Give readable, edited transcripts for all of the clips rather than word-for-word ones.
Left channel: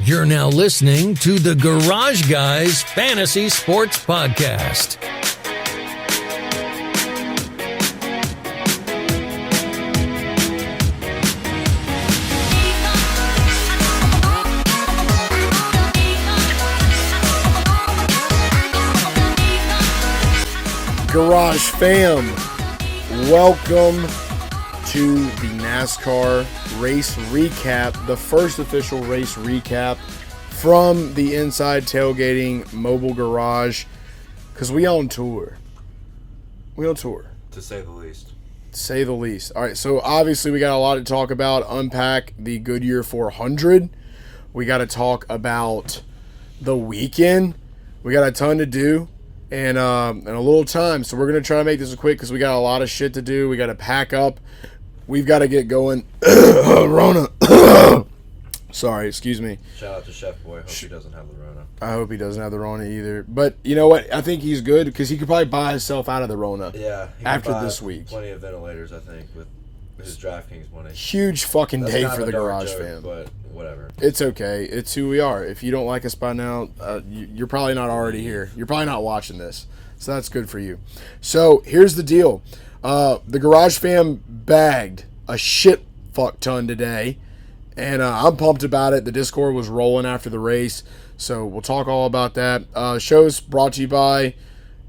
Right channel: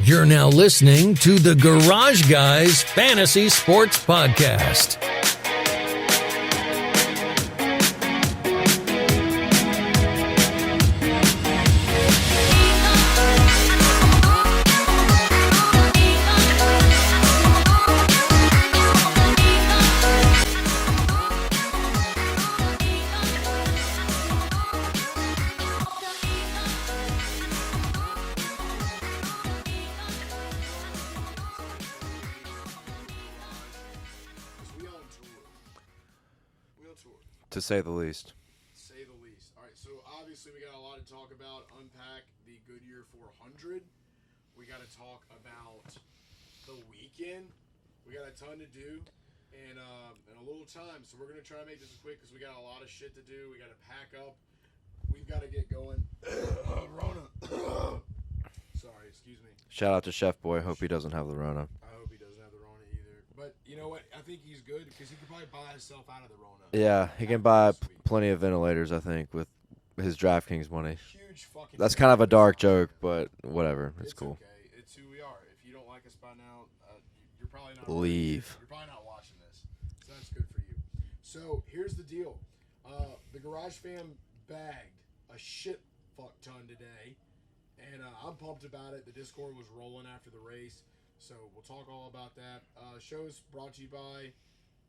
You're now listening to the Garage Guys Fantasy Sports Podcast. Garage fam, welcome to the NASCAR race recap, the first official race recap from the Inside Tailgaiting mobile garage, because we on tour. To say the least. All right, so obviously we got a lot to talk about. Unpack the Goodyear 400. We got to talk about the weekend. We got a ton to do. And a little time, so we're going to try to make this quick because we got a lot of shit to do. We got to pack up. We've got to get going. Rona. Sorry, excuse me. Shout out to Chef Boi. Hope he doesn't have the Rona. I hope he doesn't have the Rona either. But you know what? I think he's good because he could probably buy himself out of the Rona. Yeah, he can after buy this week. Plenty of ventilators, I think, with his DraftKings money. Huge fucking That's day kind for of a the dark garage joke, fan. but whatever. It's okay. It's who we are. If you don't like us by now, you're probably not already here. You're probably not watching this. So that's good for you. So here's the deal. The Garage Fam bagged a shit fuck ton today. And I'm pumped about it. The Discord was rolling after the race. So we'll talk all about that. Show's brought to you by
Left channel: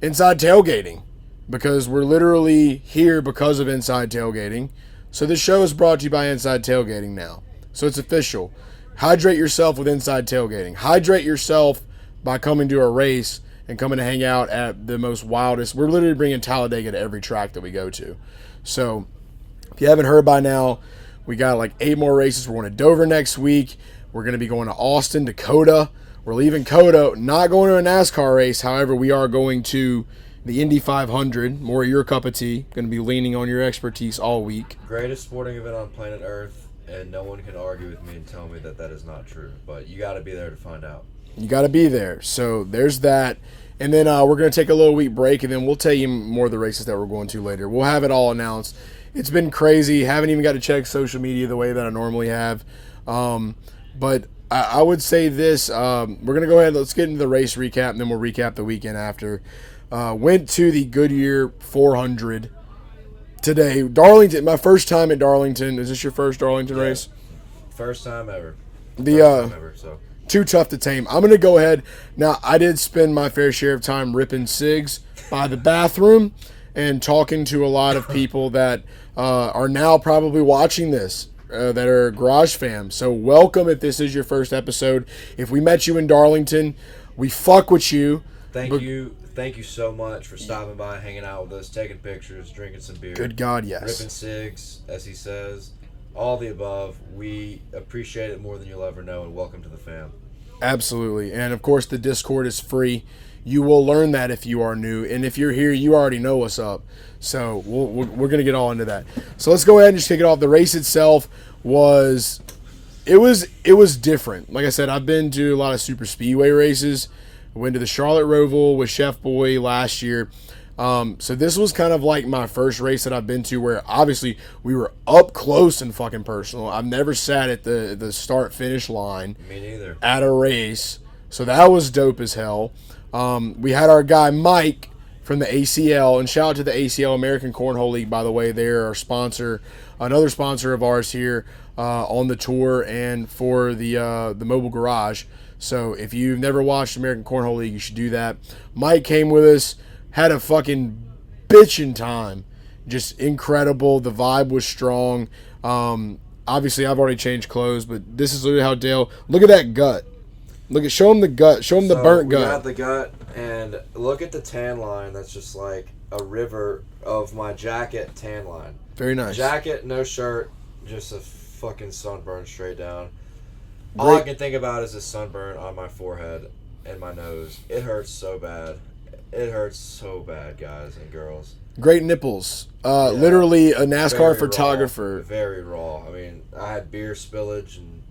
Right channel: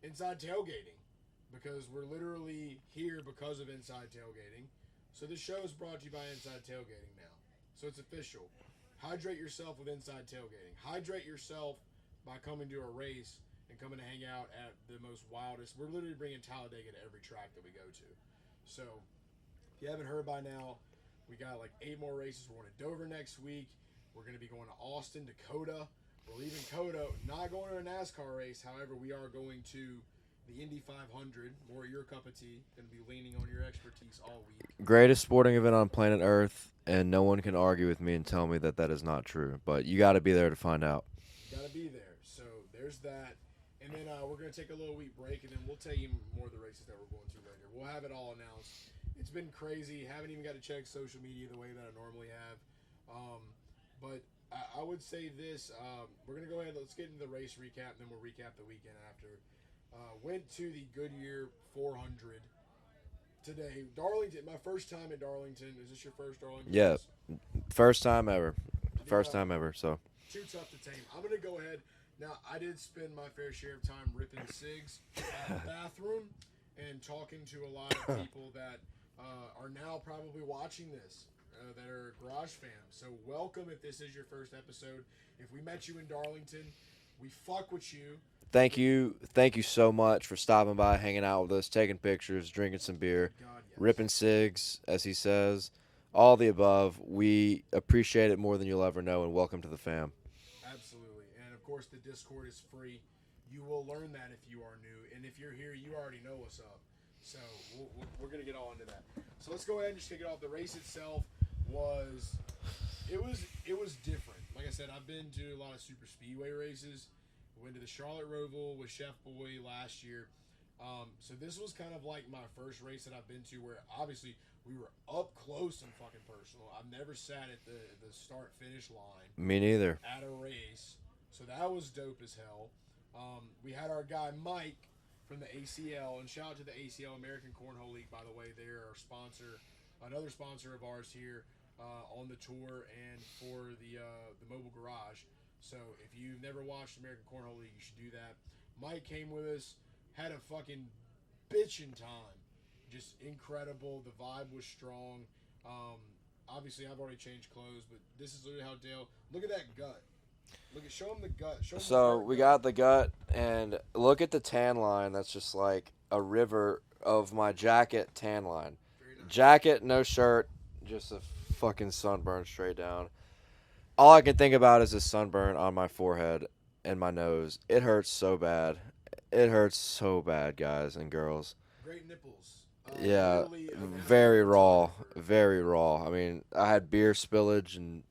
Inside Tailgaiting. Because we're literally here because of Inside Tailgaiting. So this show is brought to you by Inside Tailgaiting now. So it's official. Hydrate yourself with Inside Tailgaiting. Hydrate yourself by coming to a race and coming to hang out at the most wildest. We're literally bringing Talladega to every track that we go to. So if you haven't heard by now, we got like 8 more races. We're going to Dover next week. We're going to be going to Austin, Dakota. We're leaving COTA, not going to a NASCAR race. However, we are going to the Indy 500. More your cup of tea. Going to be leaning on your expertise all week. Greatest sporting event on planet Earth, and no one can argue with me and tell me that that is not true. But you got to be there to find out. You got to be there. So there's that. And then we're going to take a little week break, and then we'll tell you more of the races that we're going to later. We'll have it all announced. It's been crazy. Haven't even got to check social media the way that I normally have. But I would say this. We're going to go ahead. Let's get into the race recap, and then we'll recap the weekend after. Went to the Goodyear 400 today. Darlington, my first time at Darlington. Is this your first Darlington race? First time ever. So. Too tough to tame. I'm going to go ahead. Now, I did spend my fair share of time ripping cigs by the bathroom and talking to a lot of people that are now probably watching this, that are Garage fam. So welcome if this is your first episode. If we met you in Darlington, we fuck with you. Thank you so much for stopping by, hanging out with us, taking pictures, drinking some beer. Good God, yes. Ripping cigs, as he says. All the above. We appreciate it more than you'll ever know, and welcome to the fam. Absolutely. And, of course, the Discord is free. You will learn that if you are new. And if you're here, you already know what's up. So we're going to get all into that. So let's go ahead and just kick it off. The race itself was different. Like I said, I've been to a lot of super speedway races. I went to the Charlotte Roval with Chef Boi last year. So this was kind of like my first race that I've been to where obviously we were up close and fucking personal. I've never sat at the start-finish line. Me neither. At a race. So that was dope as hell. We had our guy Mike from the ACL, and shout out to the ACL, American Cornhole League, by the way. They're our sponsor, another sponsor of ours here on the tour and for the mobile garage. So if you've never watched American Cornhole League, you should do that. Mike came with us. Had a fucking bitchin' time. Just incredible. The vibe was strong. Obviously, I've already changed clothes, but this is literally how Dale... Look at that gut. Show him the gut. Show him the burnt gut. We got the gut, and look at the tan line. That's just like a river of my jacket tan line. Very nice. Jacket, no shirt, just a fucking sunburn straight down. All I can think about is a sunburn on my forehead and my nose. It hurts so bad. It hurts so bad, guys and girls. Great nipples. Literally a NASCAR photographer. Raw, very raw. I mean, I had beer spillage, and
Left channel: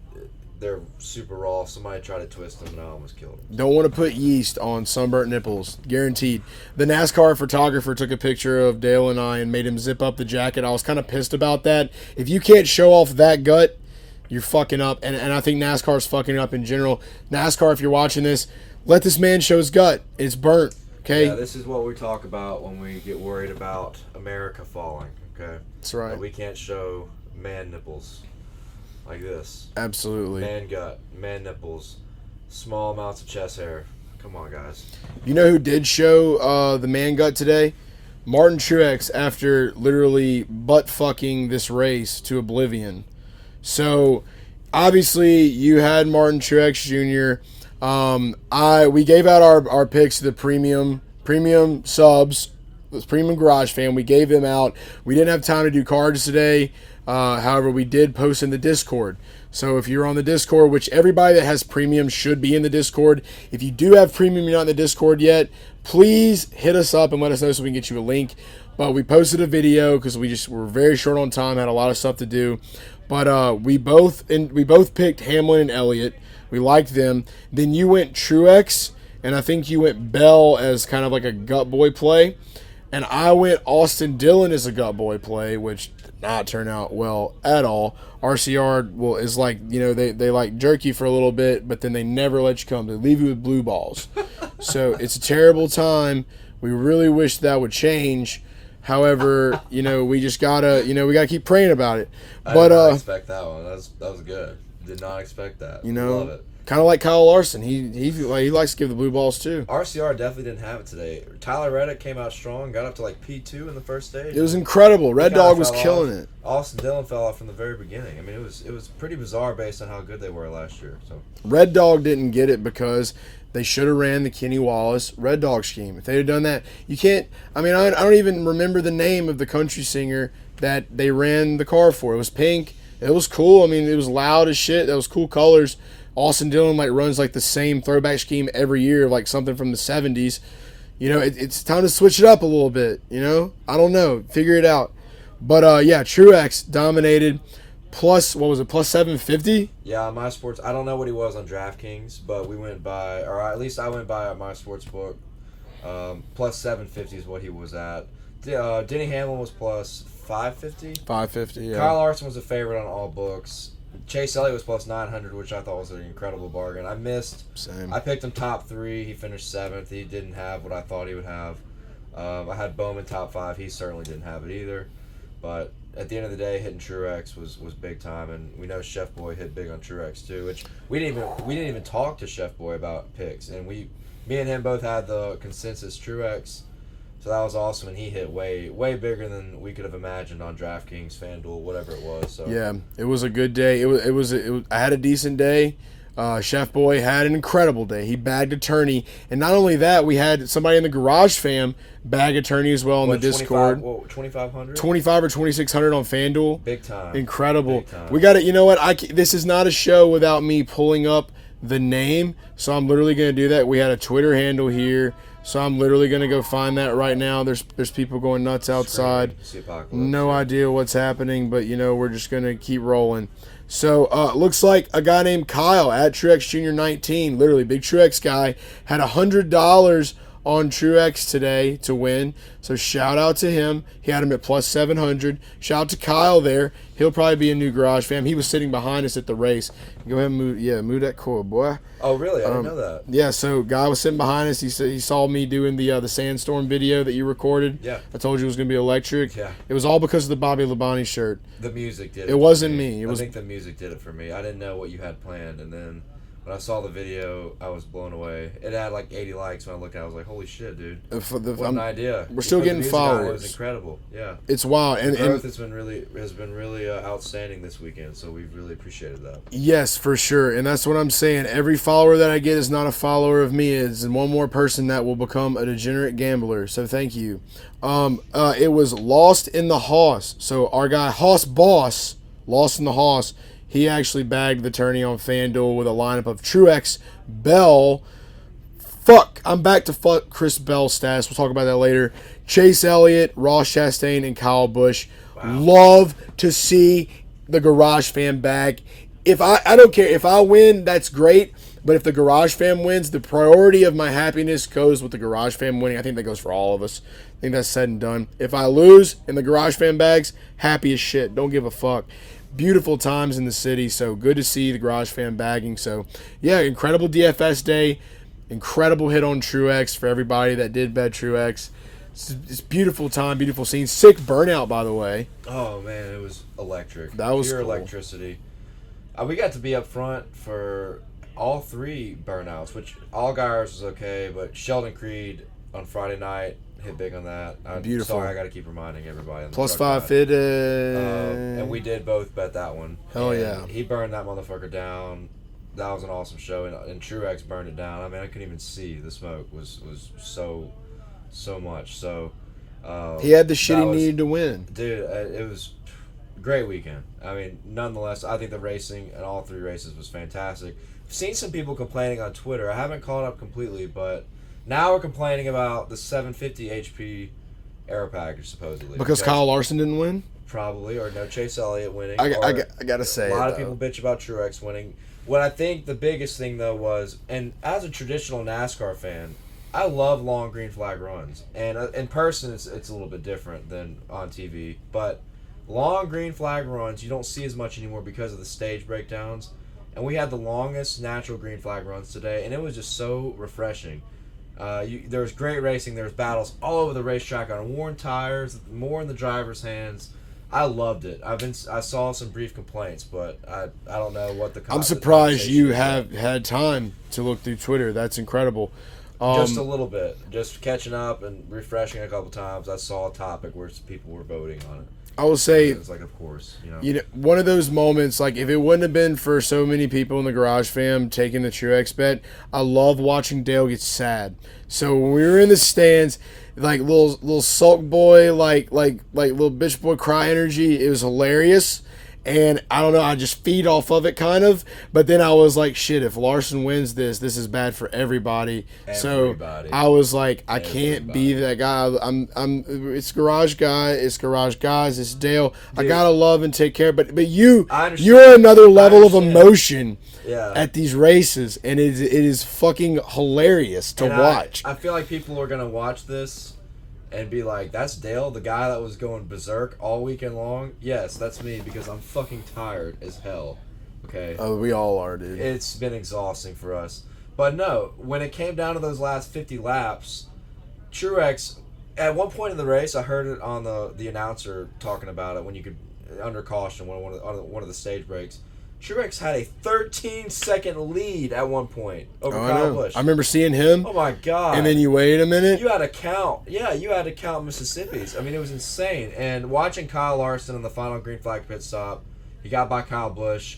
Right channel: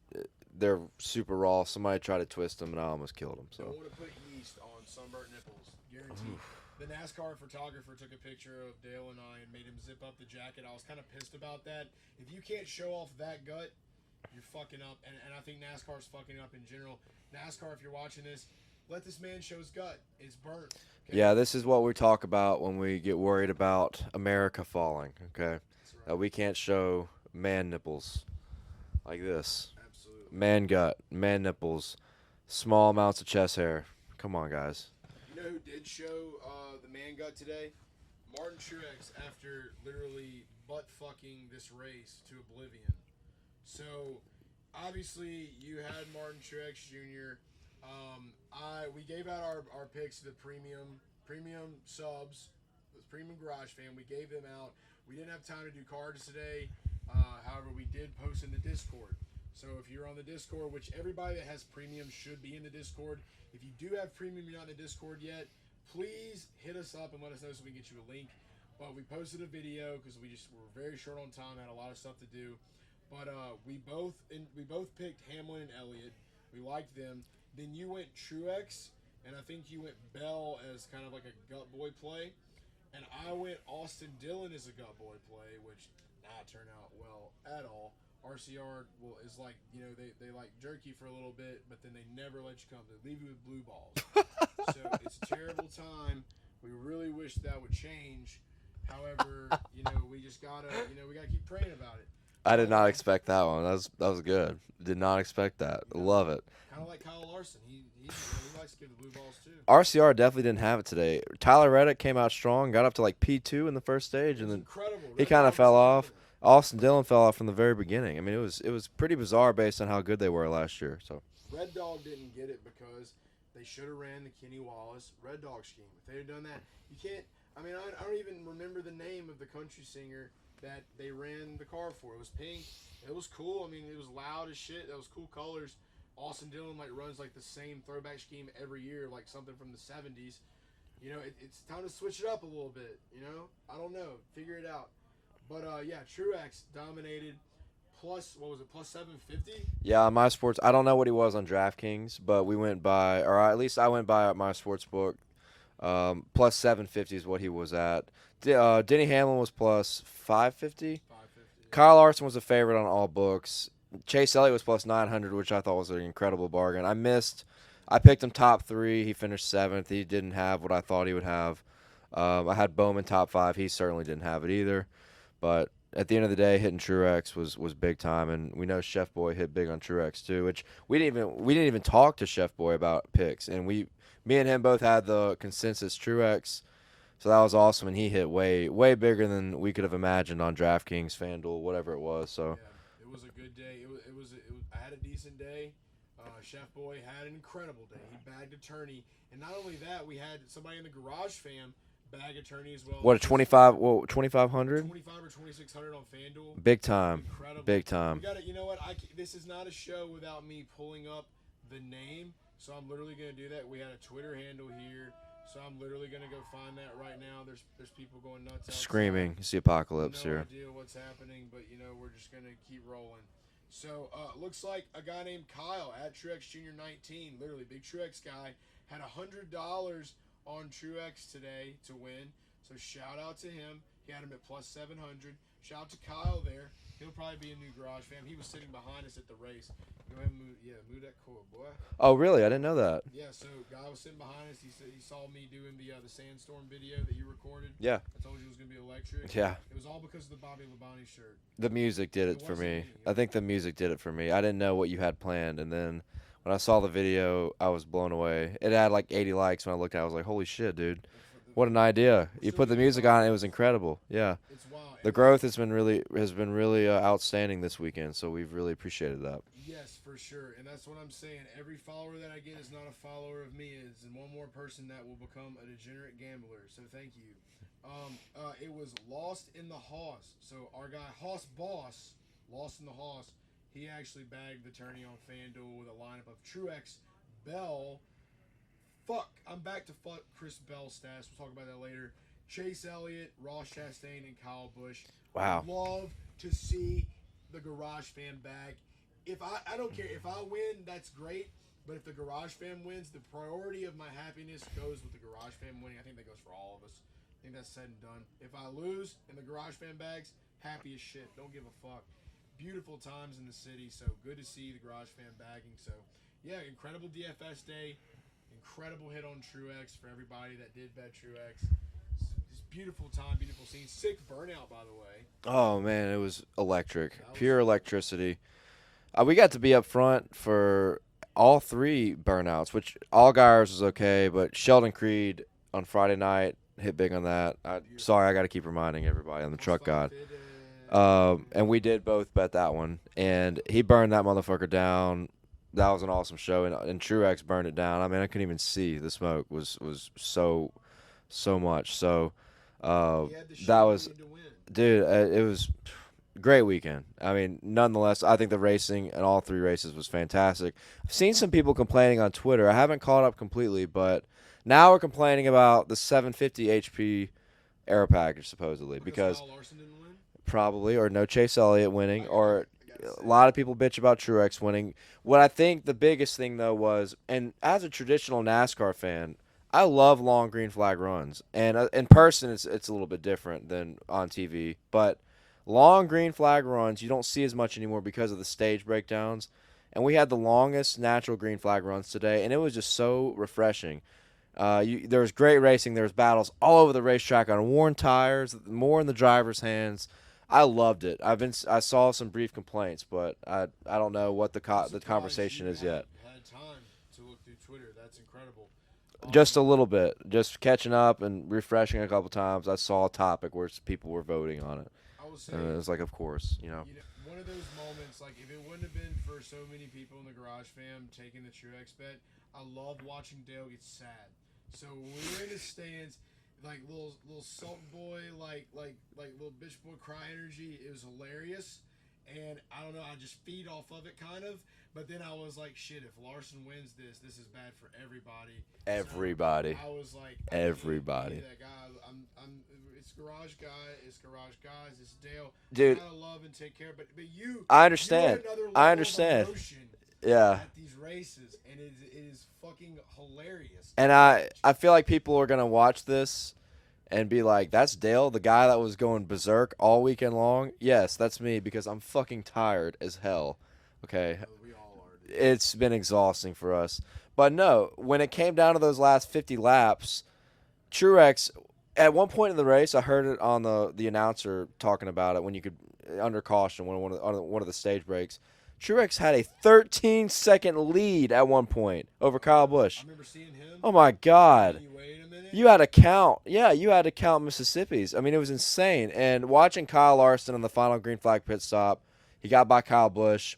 they're super raw. Somebody tried to twist them, and I almost killed them. Don't want to put yeast on sunburnt nipples. Guaranteed. The NASCAR photographer took a picture of Dale and I and made him zip up the jacket. I was kind of pissed about that. If you can't show off that gut, you're fucking up. And I think NASCAR's fucking up in general. NASCAR, if you're watching this, let this man show his gut. It's burnt. Okay. Yeah, this is what we talk about when we get worried about America falling. Okay. That's right. We can't show man nipples like this. Absolutely. Man gut, man nipples, small amounts of chest hair. Come on, guys. You know who did show the man gut today? Martin Truex, after literally butt fucking this race to oblivion. So obviously you had Martin Truex Jr. We gave out our picks to the premium subs, the premium garage fan. We gave them out. We didn't have time to do cards today. However, we did post in the Discord. So if you're on the Discord, which everybody that has premium should be in the Discord. If you do have premium, you're not in the Discord yet, please hit us up and let us know so we can get you a link. But we posted a video because we're very short on time, had a lot of stuff to do. But we both picked Hamlin and Elliott. We liked them. Then you went Truex, and I think you went Bell as kind of like a gut boy play. And I went Austin Dillon as a gut boy play, which did not turn out well at all. RCR is like, they like jerk you for a little bit, but then they never let you come. They leave you with blue balls. So it's a terrible time. We really wish that would change. However, we just gotta, we gotta keep praying about it. I did not expect that one. That was good. Did not expect that. Love it. Kind of like Kyle Larson. He likes to give the blue balls too. RCR definitely didn't have it today. Tyler Reddick came out strong, got up to like P2 in the first stage. It was incredible. Red Dog was killing it. Austin Dillon fell off from the very beginning. I mean, it was pretty bizarre based on how good they were last year. So Red Dog didn't get it because they should have ran the Kenny Wallace Red Dog scheme. If they had done that, you can't. I mean, I don't even remember the name of the country singer that they ran the car for. It was pink. It was cool. I mean, it was loud as shit. That was cool colors. Austin Dillon runs the same throwback scheme every year, like something from the 70s. It's time to switch it up a little bit. I don't know. Figure it out. But yeah, Truex dominated. Plus, what was it? Plus 750? Yeah, on My Sports. I don't know what he was on DraftKings, but we went by, or at least I went by My Sports book. Plus 750 is what he was at. Denny Hamlin was plus 550. 550. Yeah. Kyle Larson was a favorite on all books. Chase Elliott was plus 900, which I thought was an incredible bargain. I missed. Same. I picked him top 3. He finished 7th. He didn't have what I thought he would have. I had Bowman top 5. He certainly didn't have it either. But at the end of the day, hitting Truex was big time, and we know Chef Boi hit big on Truex too, which we didn't even talk to Chef Boi about picks, and me and him both had the consensus Truex. So that was awesome, and he hit way bigger than we could have imagined on DraftKings, FanDuel, whatever it was. So yeah, it was a good day. It was I had a decent day. Chef Boi had an incredible day. He bagged a tourney, and not only that, we had somebody in the Garage Fam bag a tourney as well on the Discord. 2,500? 25 or 2,600 on FanDuel. Big time. Incredible. Big time. We got it. You know what? This is not a show without me pulling up the name, so I'm literally going to do that. We had a Twitter handle here. So I'm literally going to go find that right now. There's people going nuts outside. Screaming, apocalypse, no idea what's happening, but we're just going to keep rolling. So looks like a guy named Kyle at Truex Jr 19, literally big Truex guy, had $100 on Truex today to win. So shout out to him. He had him at plus 700. Shout out to Kyle there. He'll probably be a new Garage Fam. He was sitting behind us at the race. Go ahead and move that coil, boy. Oh, really? I didn't know that. Yeah, so guy was sitting behind us. He said he saw me doing the sandstorm video that you recorded. Yeah. I told you it was going to be electric. Yeah. It was all because of the Bobby Labonte shirt. The music did it. It wasn't me. I think the music did it for me. I didn't know what you had planned, and then when I saw the video, I was blown away. It had like 80 likes when I looked at it. I was like, holy shit, dude. What an idea. We're still getting followers. It was incredible. Yeah. It's wild. The growth has been really outstanding this weekend, so we've really appreciated that. Yes, for sure. And that's what I'm saying. Every follower that I get is not a follower of me. It's one more person that will become a degenerate gambler. So thank you. It was Lost in the Hoss. So our guy Hoss Boss, Lost in the Hoss, he actually bagged the tourney on FanDuel with a lineup of Truex, Bell. I'm back to fuck Chris Bell stats. We'll talk about that later. Chase Elliott, Ross Chastain, and Kyle Busch. Wow. Love to see the Garage Fam bag. I don't care. If I win, that's great. But if the Garage Fam wins, the priority of my happiness goes with the Garage Fam winning. I think that goes for all of us. I think that's said and done. If I lose and the Garage Fam bags, happy as shit. Don't give a fuck. beautiful times in the city. So good to see the Garage Fam bagging. So yeah, incredible DFS day, incredible hit on Truex for everybody that did bet Truex. It's beautiful time, beautiful scene. Sick burnout, by the way. Oh man, it was electric. That was pure cool. Electricity. We got to be up front for all 3 burnouts, which Allgaier's was okay, but Sheldon Creed on Friday night hit big on that. I'm Beautiful. sorry, I got to keep reminding everybody. On the Plus truck 5 fitted. and we did both bet that one. Hell and yeah. he burned that motherfucker down. That was an awesome show, and Truex burned it down. I mean, I couldn't even see the smoke. Was so much. So he had the shit he needed to win. Dude, it was a great weekend. I mean, nonetheless, I think the racing in all 3 races was fantastic. I've seen some people complaining on Twitter. I haven't caught up completely, but now we're complaining about the 750 HP aero package, supposedly. Because Kyle Larson didn't win? Probably, or no Chase Elliott winning. I got to say a lot of people bitch about Truex winning. What I think the biggest thing, though, was, and as a traditional NASCAR fan, I love long green flag runs. And in person, it's a little bit different than on TV. But long green flag runs, you don't see as much anymore because of the stage breakdowns. And we had the longest natural green flag runs today, and it was just so refreshing. There was great racing. There was battles all over the racetrack on worn tires, more in the driver's hands. I loved it. I saw some brief complaints, but I don't know what the. I'm surprised you have had time to look through Twitter. That's incredible. Just a little bit, just catching up and refreshing a couple times. I saw a topic where people were voting on it. I will say, it's like, of course, one of those moments, like if it wouldn't have been for so many people in the Garage Fam taking the Truex bet, I love watching Dale get sad. So when we were in the stands, like little sulk boy, like little bitch boy cry energy, it was hilarious. And I don't know, I just feed off of it kind of. But then I was like, shit, if Larson wins this is bad for everybody. So I was like, I can't be that guy. It's Garage Guy, it's Garage Guys, it's Dale. Dude, I gotta love and take care. But you're another level of emotion at these races, and it is fucking hilarious to watch. I feel like people are gonna watch this and be like, that's Dale, the guy that was going berserk all weekend long? Yes, that's me, because I'm fucking tired as hell. Okay? Oh, we all are, dude. It's been exhausting for us. But no, when it came down to those last 50 laps, Truex, at one point in the race, I heard it on the announcer talking about it when you could, under caution, on one of the stage breaks. Truex had a 13-second lead at one point over Kyle Busch. I remember seeing him. Oh, my God. And then you wait a minute. You had to count. Yeah, you had to count Mississippi's. I mean, it was insane. And watching Kyle Larson in the final green flag pit stop, he got by Kyle Busch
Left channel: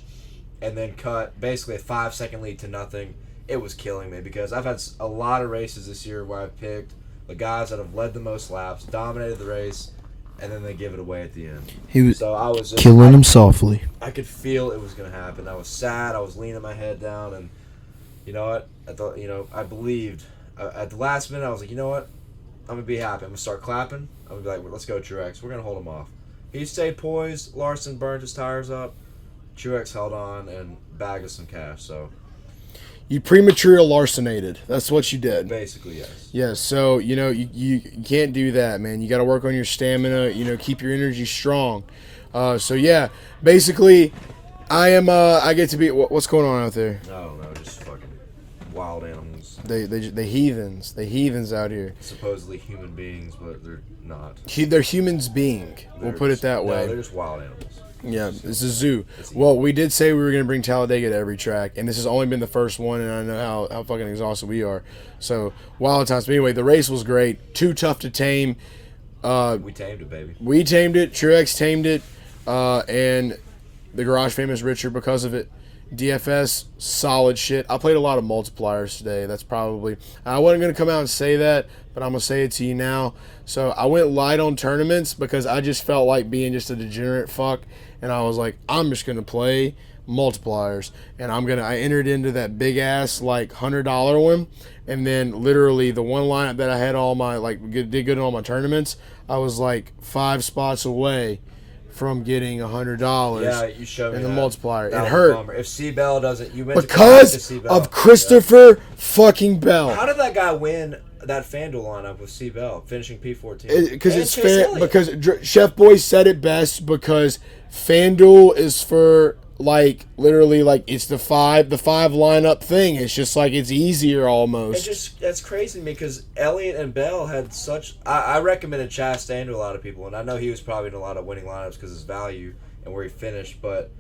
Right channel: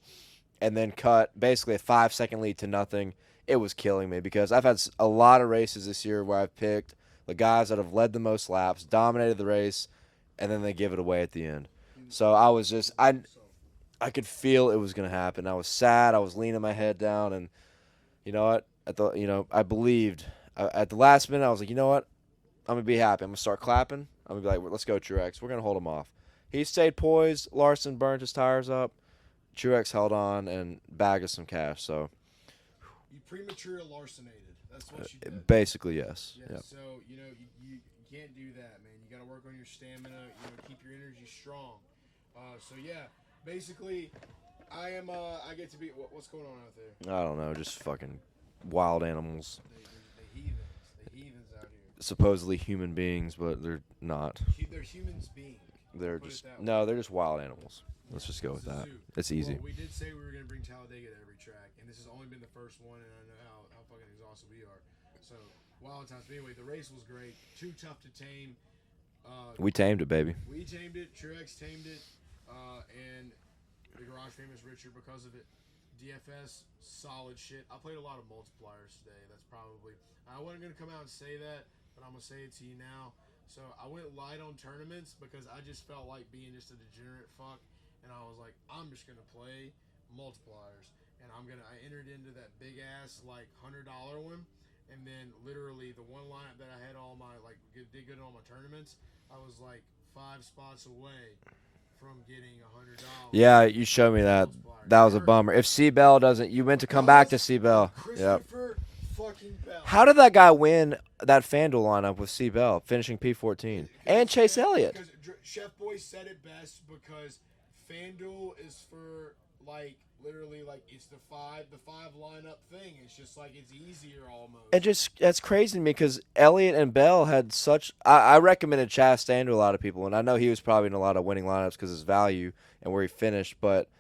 and then cut basically a 5-second lead to nothing. It was killing me because I've had a lot of races this year where I've picked the guys that have led the most laps, dominated the race, and then they give it away at the end. So I was just killing him softly. I could feel it was going to happen. I was sad. I was leaning my head down, and you know what? I believed. At the last minute, I was like, you know what? I'm going to be happy. I'm going to start clapping. I'm going to be like, well, let's go, Truex. We're going to hold him off. He stayed poised. Larson burned his tires up. Truex held on and bagged us some cash. So you premature larsonated. That's what you did. Basically, yes. Yes. So you can't do that, man. You got to work on your stamina. Keep your energy strong. So yeah, basically, I get to be. What's going on out there? Oh no, just fucking wild animals. They heathens out here. Supposedly human beings, but they're not. They're humans being. We'll put it that way. No, they're just wild animals. Yeah, it's a zoo. Well, we did say we were going to bring Talladega to every track, and this has only been the first one, and I know how fucking exhausted we are. So, wild times. But anyway, the race was great. Too tough to tame. We tamed it, baby. We tamed it. Truex tamed it. And the Garage Fam is richer because of it. DFS, solid shit. I played a lot of multipliers today. That's probably... I wasn't going to come out and say that, but I'm going to say it to you now. So, I went light on tournaments because I just felt like being just a degenerate fuck. And I was like, I'm just going to play multipliers. And I entered into that big ass, like, $100 one. And then literally the one lineup that I had all my, did good in all my tournaments, I was like 5 spots away from getting $100. Yeah, you showed me that. Multiplier. That was hurt. A bummer. If C. Bell doesn't, you went because to C. Bell. of Christopher fucking Bell. How did that guy win that FanDuel lineup with C. Bell, finishing P14? Because Chef Boi said it best, because FanDuel is for like literally like it's the five lineup thing. It's just like it's easier almost. That's crazy to me because Elliott and Bell had such. I recommended Chastain to a lot of people, and I know he was probably in a lot of winning lineups because his value and where he finished, but.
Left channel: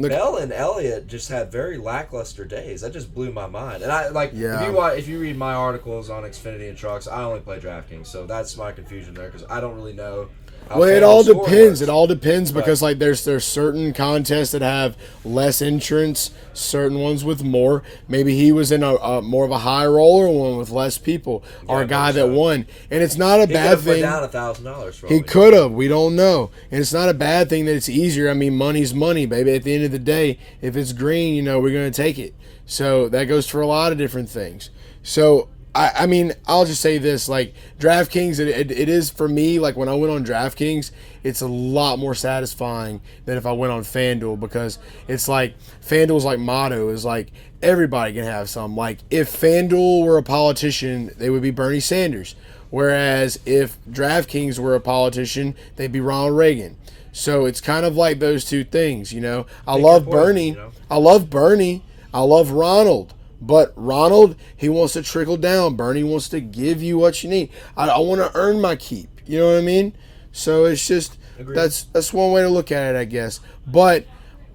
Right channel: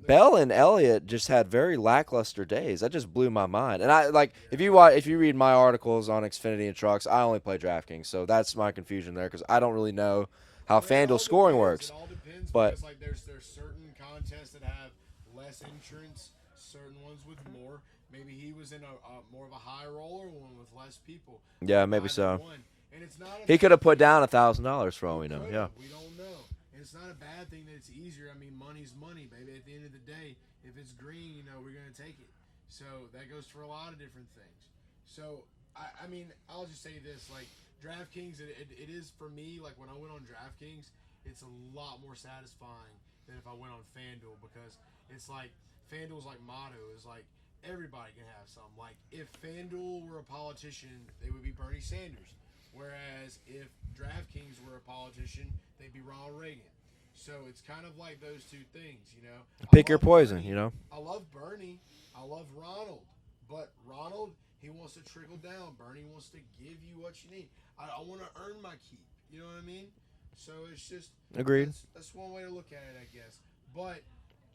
Bell and Elliott just had very lackluster days. That just blew my mind. And if you read my articles on Xfinity and trucks, I only play DraftKings, so that's my confusion there because I don't really know how. Well, it all depends. It all depends because like there's certain contests that have less entrants, certain ones with more. Maybe he was in a more of a high roller one with less people, or a guy that won. And it's not a bad thing. He could have put down $1,000 for all he could have. We don't know. And it's not a bad thing that it's easier. I mean, money's money, baby. At the end of the day, if it's green, we're going to take it. So that goes for a lot of different things. So I mean, I'll just say this, like, DraftKings, it is, for me, like, when I went on DraftKings, it's a lot more satisfying than if I went on FanDuel because it's like, FanDuel's, like, motto is, like, everybody can have some. Like, if FanDuel were a politician, they would be Bernie Sanders. Whereas if DraftKings were a politician, they'd be Ronald Reagan. So it's kind of like those two things, I love Bernie. I love Bernie. I love Ronald. But Ronald, he wants to trickle down. Bernie wants to give you what you need. I want to earn my keep. You know what I mean? So it's just that's one way to look at it, I guess. But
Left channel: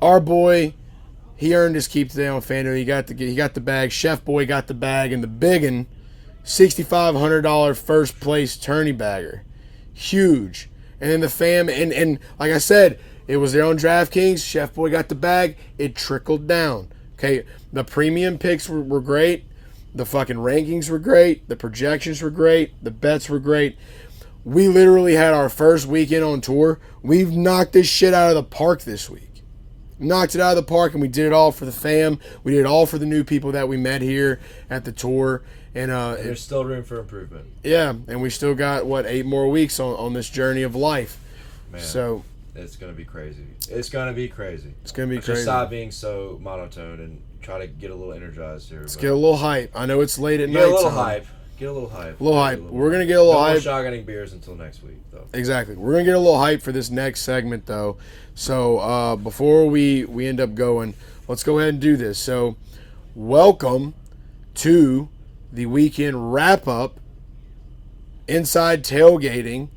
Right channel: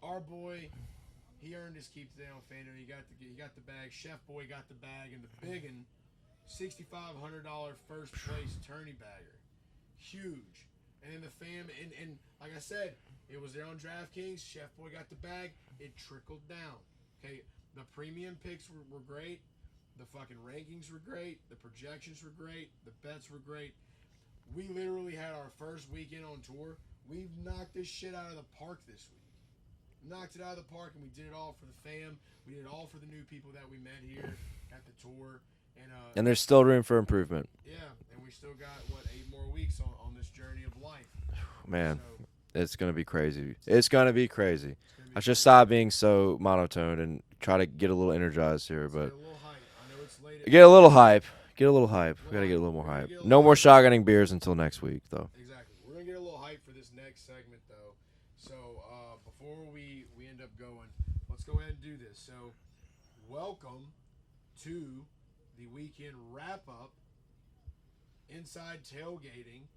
our boy, he earned his keep today on FanDuel. He got the bag. Chef Boi got the bag, and the biggin, $6,500 first place tourney bagger, huge. And then the fam and like I said, it was there on DraftKings. Chef Boi got the bag. It trickled down. Okay. The premium picks were great. The fucking rankings were great. The projections were great. The bets were great. We literally had our first weekend on tour. We've knocked this shit out of the park this week. Knocked it out of the park, and we did it all for the fam. We did it all for the new people that we met here at the tour. And there's still room for improvement. Yeah, and we still got, 8 more weeks on this journey of life. Man. So it's going to be crazy. It's going to be crazy. It's going to be crazy. Just stop being so monotone and try to get a little energized here. Let's get a little hype. I know it's late at night. Get a little hype. Get a little hype. We're going to get a little hype. No more shotgunning beers until next week, though. Exactly. We're going to get a little hype for this next segment, though. So before we end up going, let's go ahead and do this. So welcome to the weekend wrap-up, Inside Tailgaiting,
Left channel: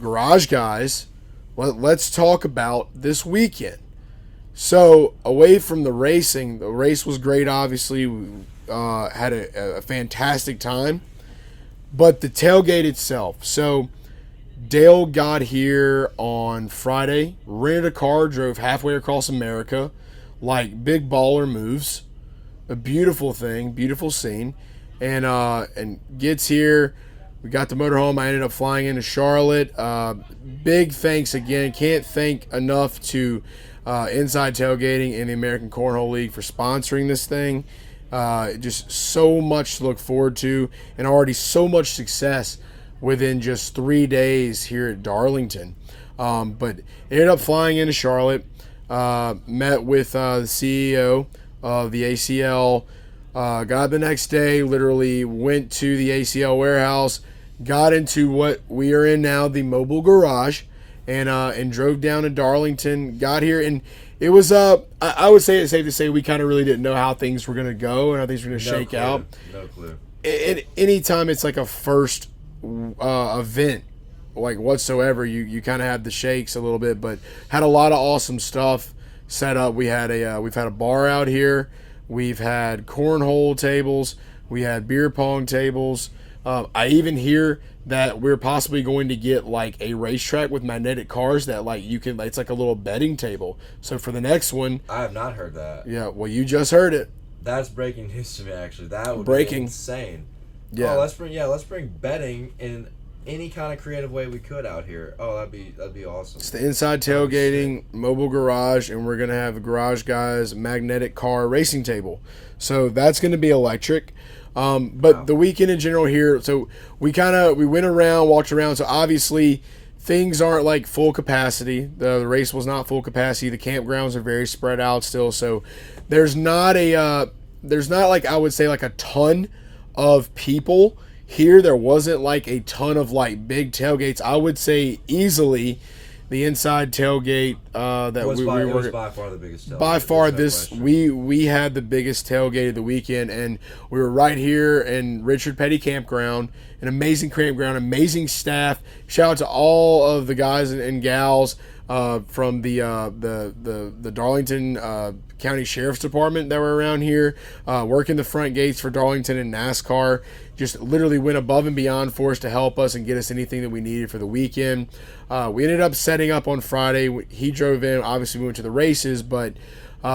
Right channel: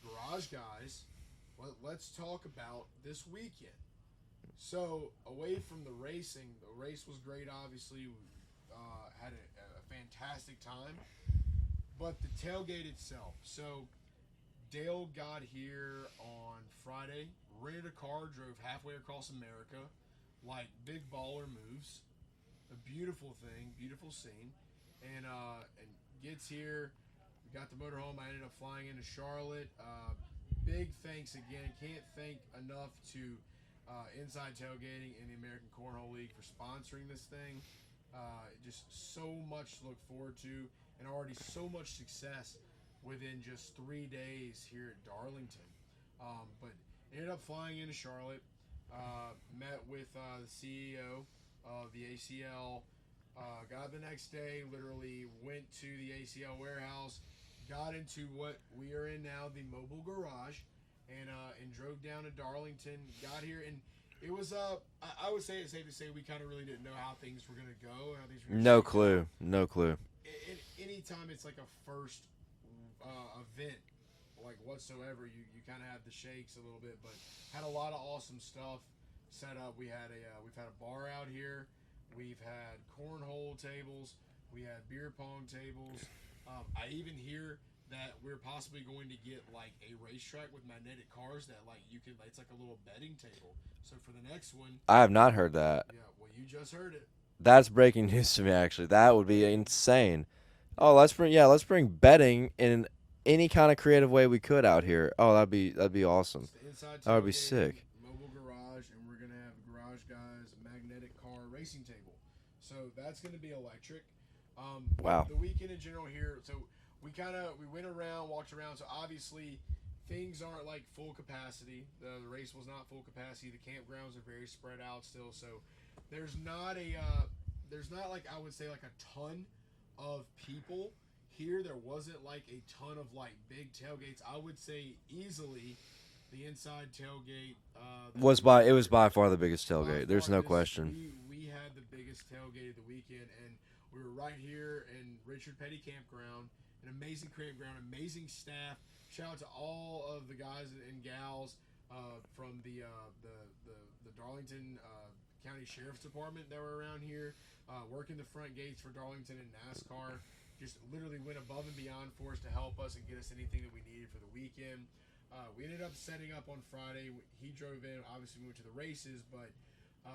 Garage Guys. Let's talk about this weekend. So, away from the racing, the race was great, obviously. We had a fantastic time. But the tailgate itself. So, Dale got here on Friday, rented a car, drove halfway across America, like big baller moves. A beautiful thing, beautiful scene. And gets here. We got the motorhome. I ended up flying into Charlotte. Big thanks again. Can't thank enough to Inside Tailgaiting and the American Cornhole League for sponsoring this thing. Just so much to look forward to, and already so much success within just 3 days here at Darlington. But ended up flying into Charlotte. Met with the CEO of the ACL. Got the next day, literally went to the ACL warehouse, got into what we are in now, the mobile garage, and drove down to Darlington, got here, and it was, I would say it's safe to say we kind of really didn't know how things were going to go and how things were going to shake out. No clue. Anytime it's like a first event, like whatsoever, you kind of have the shakes a little bit, but had a lot of awesome stuff set up. We've had a bar out here. We've had cornhole tables. We had beer pong tables. I even hear that we're possibly going to get like a racetrack with magnetic cars that like you can. It's like a little betting table. So for the next one, I have not heard that. Yeah, well, you just heard it. That's breaking news to me. Actually, that would be insane. Yeah. Oh, let's bring betting in any kind of creative way we could out here. Oh, that'd be awesome. It's the Inside Tailgaiting mobile garage, and we're gonna have a Garage Guys magnetic car racing table. So that's gonna be electric. But wow. The weekend in general here, so we went around, walked around. So obviously things aren't like full capacity. The race was not full capacity. The campgrounds are very spread out still. So there's not like I would say like a ton of people. Here, there wasn't like a ton of like big tailgates. I would say easily the Inside Tailgate that It was by far the biggest tailgate. By far, There's no question. we had the biggest tailgate of the weekend, and we were right here in Richard Petty Campground, an amazing campground, amazing staff. Shout out to all of the guys and gals from the Darlington County Sheriff's Department that were around here, working the front gates for Darlington and NASCAR. Just literally went above and beyond for us to help us and get us anything that we needed for the weekend. We ended up setting up on Friday. He drove in. Obviously, we went to the races, but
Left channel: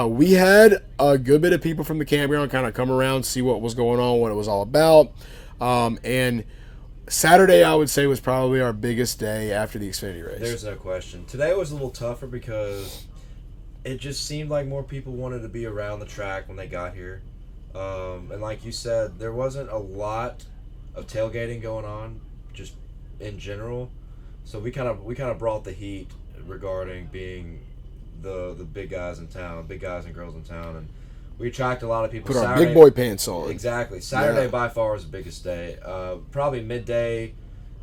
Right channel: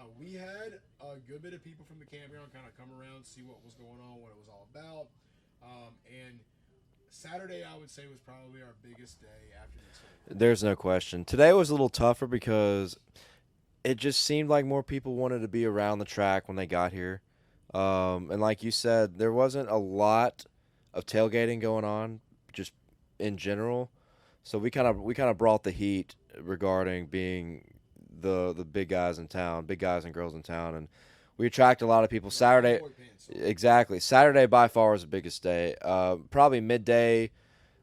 we had a good bit of people from the campground kind of come around, see what was going on, what it was all about. And Saturday, I would say, was probably our biggest day after the Xfinity race. There's no question. Today was a little tougher because it just seemed like more people wanted to be around the track when they got here. And like you said, there wasn't a lot of tailgating going on, just in general. So we kind of brought the heat regarding being the big guys in town, big guys and girls in town, and we attract a lot of people. Put our big boy pants on. Exactly. Saturday by far was the biggest day. Probably midday,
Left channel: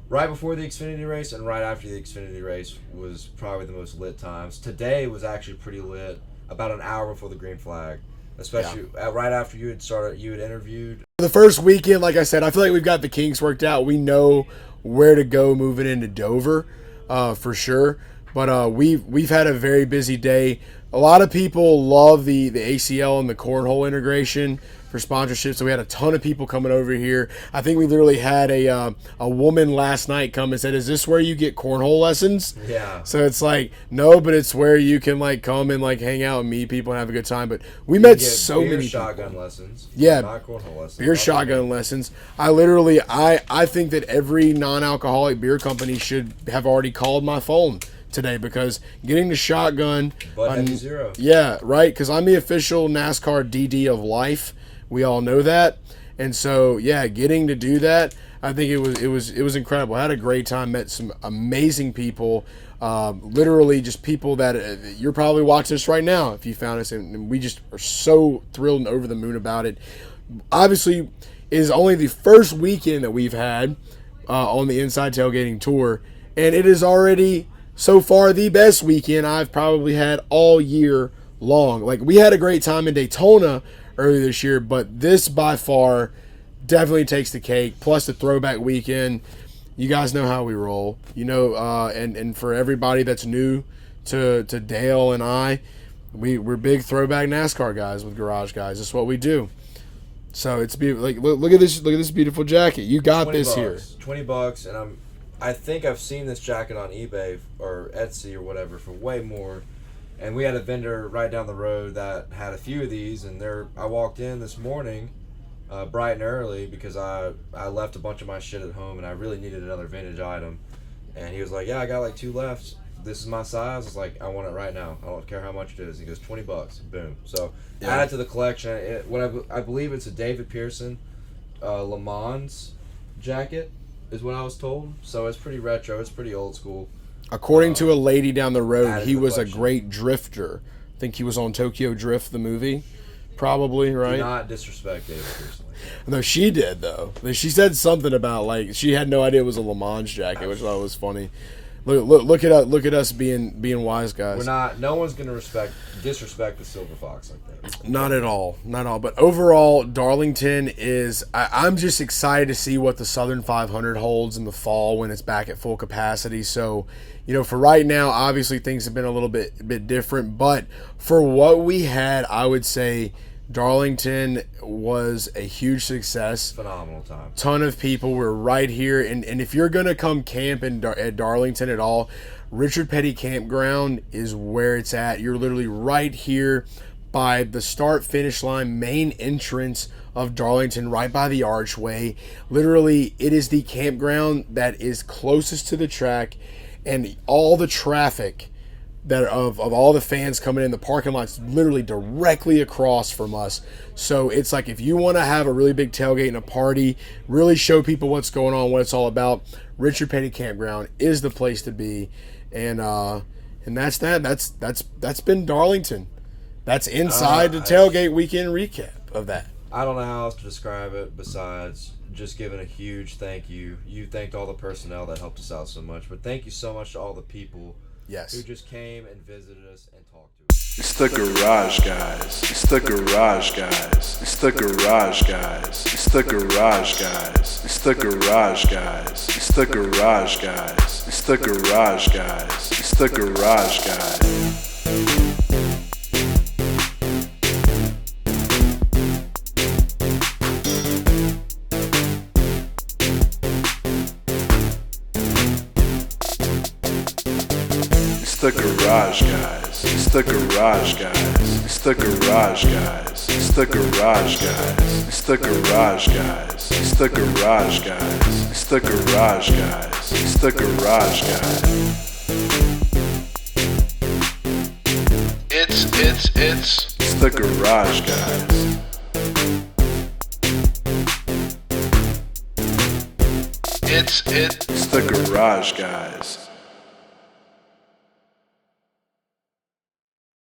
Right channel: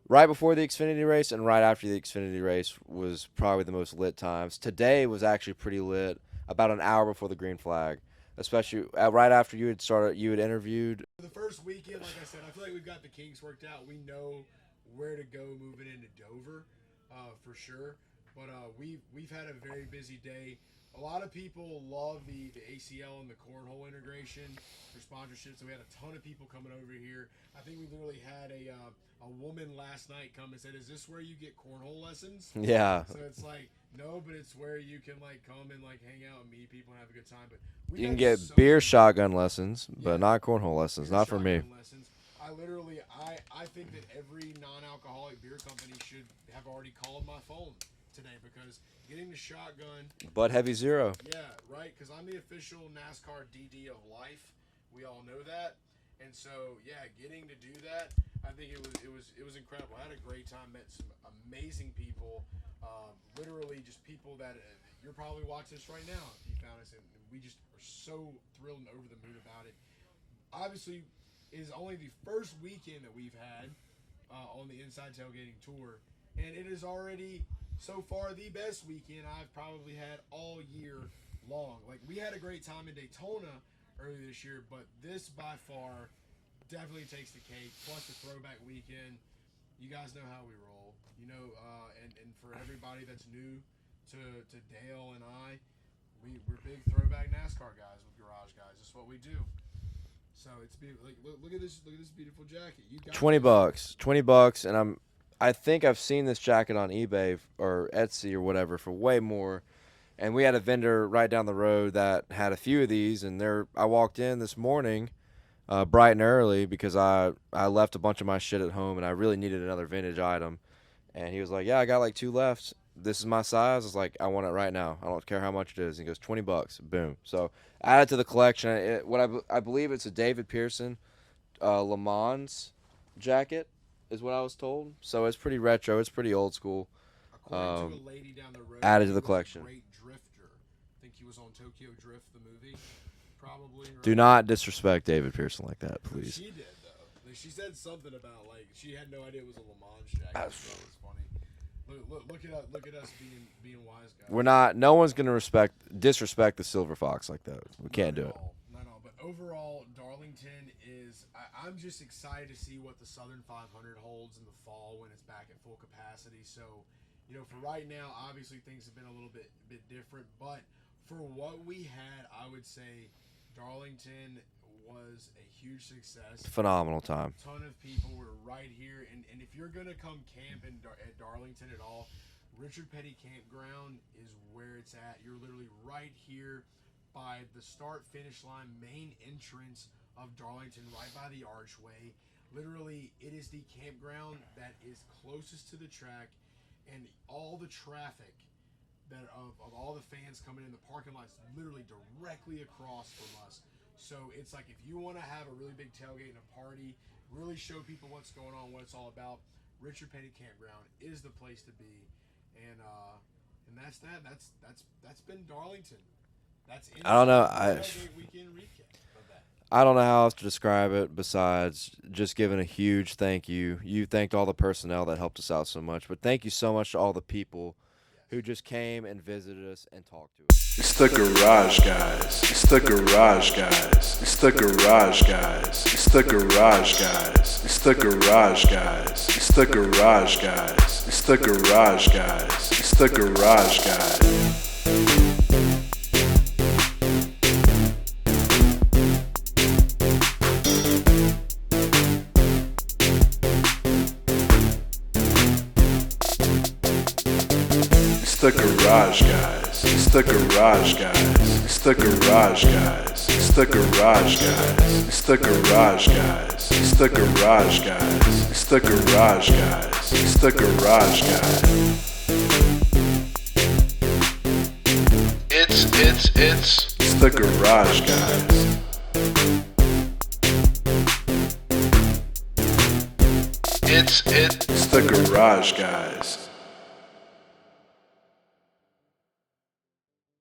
right before the Xfinity race and right after the Xfinity race was probably the most lit times. Today was actually pretty lit. About an hour before the green flag. Especially right after you had interviewed. The first weekend, like I said, I feel like we've got the kinks worked out. We know where to go moving into Dover, for sure. But we've had a very busy day. A lot of people love the ACL and the cornhole integration for sponsorship, so we had a ton of people coming over here. I think we literally had a woman last night come and said, "Is this where you get cornhole lessons?" Yeah. So it's like, no, but it's where you can like come and like hang out and meet people and have a good time. But we met so many shotgun lessons. Yeah, not cornhole lessons. Beer shotgun lessons. I think that every non-alcoholic beer company should have already called my phone today, because getting the shotgun. But heavy zero. Yeah, right. Because I'm the official NASCAR DD of life. We all know that, and so yeah, getting to do that, I think it was incredible. I had a great time. Met some amazing people. Literally just people that you're probably watching this right now if you found us, and we just are so thrilled and over the moon about it. Obviously, it is only the first weekend that we've had on the Inside Tailgating Tour, and it is already so far the best weekend I've probably had all year long. Like, we had a great time in Daytona earlier this year, but this by far definitely takes the cake. Plus the throwback weekend. You guys know how we roll, you know, and for everybody that's new to Dale and I, we're big throwback NASCAR guys with Garage Guys. That's what we do. So it's like, look at this beautiful jacket. You got this $20, here. $20, and I think I've seen this jacket on eBay or Etsy or whatever for way more. And we had a vendor right down the road that had a few of these, and I walked in this morning, bright and early, because I left a bunch of my shit at home and I really needed another vintage item. And he was like, "Yeah, I got like 2 left. This is my size." I was like, "I want it right now. I don't care how much it is." He goes, $20. Boom. So add it to the collection. I believe it's a David Pearson Le Mans jacket is what I was told. So it's pretty retro. It's pretty old school. According to a lady down the road, he was collection. a great drifter. I think he was on Tokyo Drift, the movie. Probably, right? Do not disrespect David Pearson like that. No, she did, though. She said something about, like, she had no idea it was a Le Mans jacket, which I thought was funny. Look at us being wise guys. We're not. No one's gonna disrespect the Silver Fox like that. Not at all. But overall, Darlington is. I'm just excited to see what the Southern 500 holds in the fall when it's back at full capacity. So, you know, for right now, obviously things have been a little bit different. But for what we had, I would say Darlington was a huge success. Phenomenal time. Ton of people were right here, and if you're gonna come camp at Darlington at all, Richard Petty Campground is where it's at. You're literally right here by the start-finish line, main entrance of Darlington, right by the archway. Literally, it is the campground that is closest to the track, and all the traffic that of all the fans coming in, the parking lot's literally directly across from us. So it's like, if you want to have a really big tailgate and a party, really show people what's going on, what it's all about, Richard Petty Campground is the place to be. And that's that. That's been Darlington. That's inside the tailgate weekend recap of that. I don't know how else to describe it besides just giving a huge thank you. You thanked all the personnel that helped us out so much, but thank you so much to all the people Yes. who just came and visited us and talked to us. It's the garage guys. It's the garage guys. It's the garage guys. It's the garage guys. It's the garage guys. It's the garage guys. It's the garage guys. It's the garage guys. It's the garage guys. It's the garage guys. It's the garage guys. It's the garage guys. It's the garage guys. It's the garage guys. It's the garage guys. It's the garage guys. It's the garage guys. It's the garage guys.